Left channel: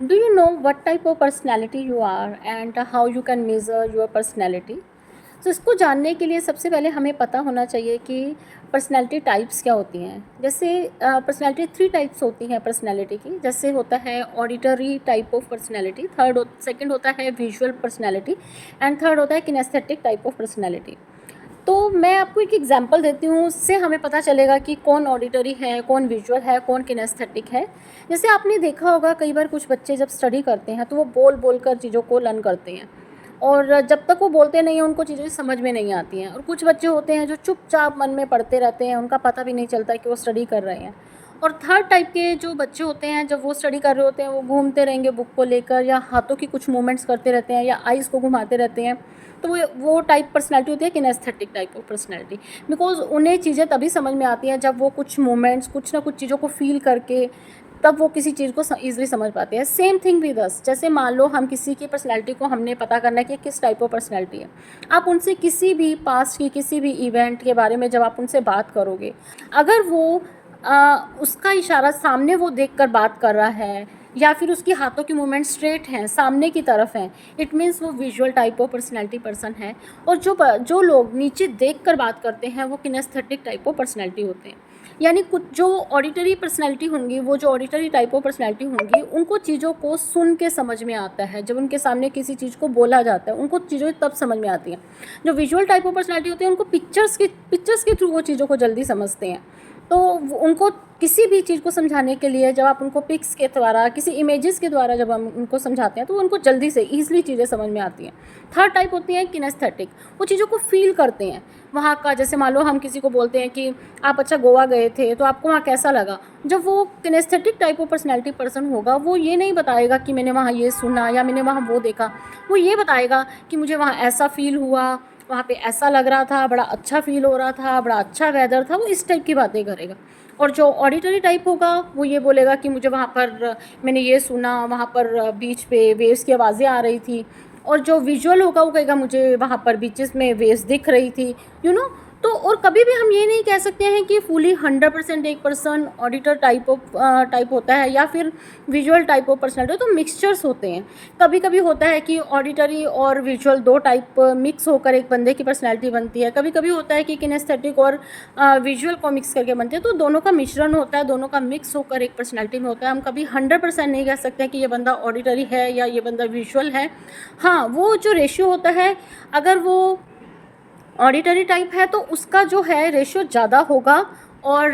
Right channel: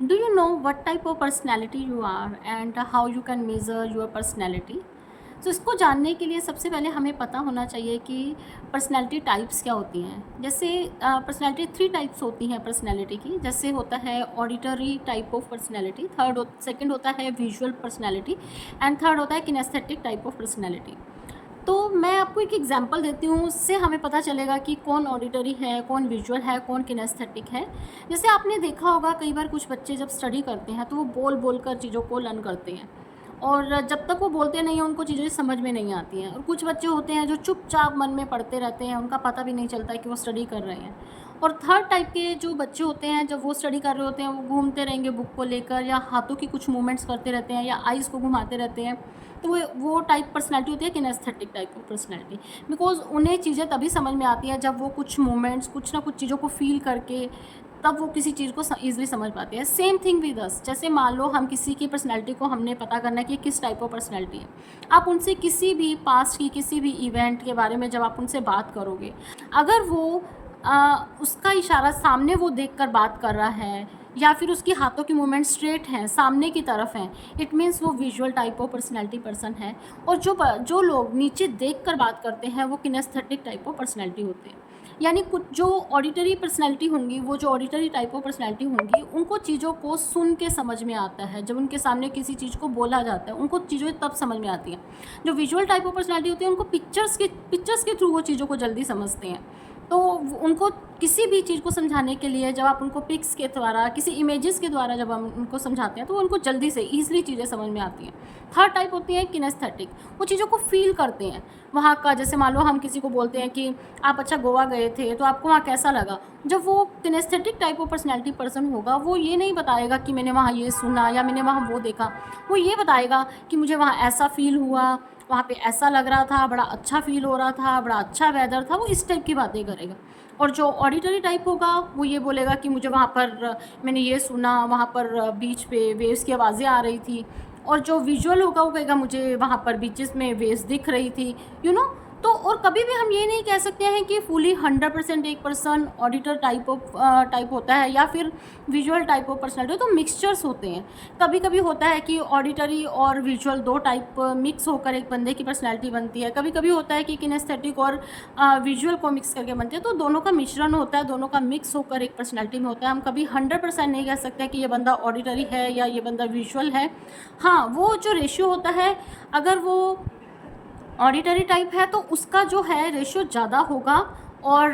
Do you know what type of personality you are and how you can measure your personality? तो इसको जानने के लिए सबसे पहले हमें पता होना चाहिए कि पर्सनैलिटी टाइप्स क्या होती हैं। जैसे पर्सनैलिटी 3 टाइप्स होती हैं पर्सनैलिटी की। जैसे होता है auditory type of personality, second होता है विजुअल पर्सनैलिटी एंड थर्ड होता है किनेस्थेटिक टाइप ऑफ पर्सनैलिटी। तो मैं आपको एक एग्जांपल देती हूँ, उससे हमें पता चलेगा कि कौन ऑडिटरी है, कौन विजुअल है, कौन किनेस्थेटिक है। जैसे आपने देखा होगा कई बार कुछ बच्चे जब स्टडी करते हैं तो वो बोल बोल कर चीज़ों को लर्न करते हैं, और जब तक वो बोलते नहीं हैं उनको चीज़ें समझ में नहीं आती हैं। और कुछ बच्चे होते हैं जो चुपचाप मन में पढ़ते रहते हैं, उनका पता भी नहीं चलता है कि वो स्टडी कर रहे हैं। और थर्ड टाइप के जो बच्चे होते हैं, जब वो स्टडी कर रहे होते हैं वो घूमते रहेंगे बुक को लेकर, या हाथों की कुछ मूवमेंट्स करते रहते हैं, या आइज़ को घुमाते रहते हैं। तो वो टाइप पर्सनैलिटी होती है kinaesthetic type of personality. Because उन्हें चीज़ें तभी समझ में आती हैं जब वो कुछ मोमेंट्स, कुछ ना कुछ चीज़ों को फील करके तब वो किसी चीज़ को ईज़िली समझ पाते हैं। Same thing with us. जैसे मान लो हम किसी की पर्सनैलिटी को हमने पता करना है कि किस टाइप ऑफ पर्सनैलिटी है। आप उनसे किसी भी पास्ट की किसी भी इवेंट के बारे में जब आप उनसे बात करोगे, अगर वो उसका इशारा सामने वो देख कर बात कर रहा है, या फिर उसकी हाथों की मूवमेंट स्ट्रेट हैं, सामने की तरफ हैं, इट मीन्स वो visual type of personality person है। और जो लोग नीचे देख कर बात करते हैं वो किनेस्थेटिक टाइप ऑफ पर्सनैलिटी होते हैं। यानी कुछ जो ऑडिटरी पर्सनैलिटी होंगी, वो जो ऑडिटरी टाइप ऑफ पर्सनैलिटी होंगी, उनको चीज़ों को सुन के समझ में आता है। जब उनके सामने किसी चीज़ को बोला जाता है उनको चीज़ें तब समझ में आती हैं। जो विजुअल टाइप ऑफ पर्सनैलिटी होती है उनको पिक्चर्स के थ्रू वो चीज़ों को जल्दी समझते हैं। तो उनको किसी भी चीज़ को समझाने के लिए जब आप उनको पिक्स के द्वारा, किसी इमेजेस के द्वारा जब हम उनको समझाते हैं तो उनको जल्दी से ईजिली चीज़ें समझ में आती हैं। थर्ड टाइप होती है किनेस्थेटिक। वो चीज़ों को फील करते हैं वहाँ का। जैसे मान लो हम किसी को बोलते हैं कि आप अच्छा गोवा गए थे तो आपको वहाँ कैसा लगा। जब वो kinaesthetic type of personality person होगा, वो ये नहीं बताएगा कि मैंने वहाँ ये सुना या मैंने वहाँ वो देखा। वो ये बताएगा कि मुझे वहाँ ऐसा फील हुआ, वहाँ पे ऐसा लग रहा था, बड़ा अच्छा फील हो रहा था, बड़ा अच्छा वेदर था। वो इस टाइप की बातें करेगा। और जो ऑडिटरी टाइप होगा वो ये बोलेगा कि मुझे वहाँ पर मैंने ये सुना, वहाँ पर बीच पे वेव्स की आवाज़ें आ रही थी। और जो विजुअल होगा वो कहेगा मुझे वहाँ पर बीचेस में वेव्स दिख रही थी, यू नो। तो और कभी भी हम ये नहीं कह सकते हैं कि फुली 100% एक पर्सन ऑडिटर टाइप होता है या फिर विजुअल टाइप ऑफ पर्सनैलिटी। तो मिक्सचर्स होते हैं। कभी कभी होता है कि ऑडिटरी और विजुअल 2 टाइप मिक्स होकर एक बंदे की पर्सनैलिटी बनती है। कभी कभी होता है कि किनेस्थेटिक और विजुअल को मिक्स करके बनते हैं। तो दोनों का मिश्रण होता है, दोनों का मिक्स होकर एक पर्सनैलिटी में होता है। हम कभी 100% नहीं कह सकते कि ये बंदा ऑडिटरी है या ये बंदा विजुअल है। हाँ, वो जो रेशियो होता है, अगर वो ऑडिटरी टाइप है तो उसका जो है रेशियो ज़्यादा होगा। और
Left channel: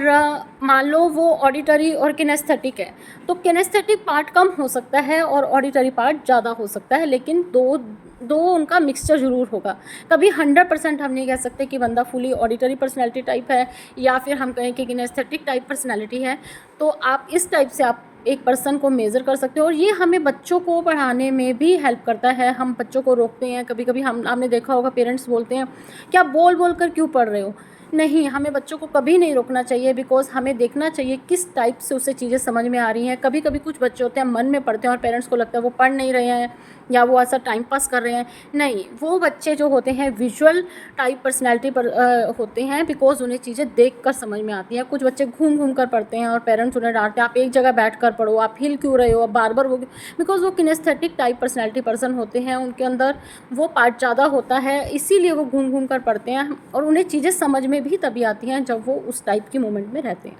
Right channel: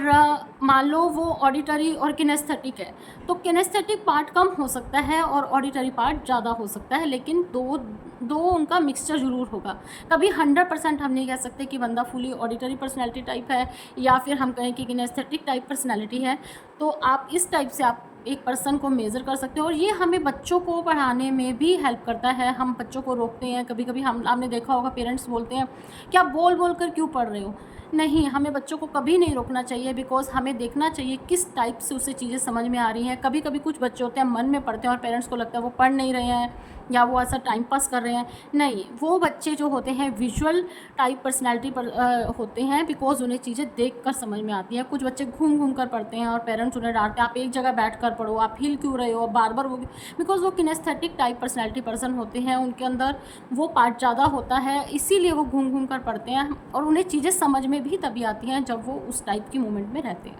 मान लो वो ऑडिटरी और किनेस्थेटिक है तो किनेस्थेटिक पार्ट कम हो सकता है और ऑडिटरी पार्ट ज़्यादा हो सकता है, लेकिन दो दो उनका मिक्सचर ज़रूर होगा। कभी 100% हम नहीं कह सकते कि बंदा फुली ऑडिटरी पर्सनैलिटी टाइप है या फिर हम कहें कि किनेस्थेटिक टाइप पर्सनैलिटी है। तो आप इस टाइप से आप एक पर्सन को मेज़र कर सकते हो। और ये हमें बच्चों को पढ़ाने में भी हेल्प करता है। हम बच्चों को रोकते हैं, कभी कभी आपने देखा होगा पेरेंट्स बोलते हैं कि आप बोल बोल कर क्यों पढ़ रहे हो। नहीं, हमें बच्चों को कभी नहीं रोकना चाहिए, बिकॉज़ हमें देखना चाहिए किस टाइप से उसे चीज़ें समझ में आ रही हैं। कभी कभी कुछ बच्चे होते हैं मन में पढ़ते हैं और पेरेंट्स को लगता है वो पढ़ नहीं रहे हैं या वो ऐसा टाइम पास कर रहे हैं। नहीं, वो बच्चे जो होते हैं विजुअल टाइप पर्सनैलिटी पर होते हैं, बिकॉज़ उन्हें चीज़ें देख कर समझ में आती हैं। कुछ बच्चे घूम घूम कर पढ़ते हैं और पेरेंट्स उन्हें डांटते हैं, आप एक जगह बैठ कर पढ़ो, आप हिल क्यों रहे हो, आप बार बार वो। बिकॉज़ वो किनेस्थेटिक टाइप पर्सनैलिटी पर्सन होते हैं, उनके अंदर वो पार्ट ज़्यादा होता है, इसीलिए वो घूम घूम कर पढ़ते हैं। और उन्हें चीज़ें समझ में भी तभी आती हैं जब वो उस टाइप की मोमेंट में रहते हैं।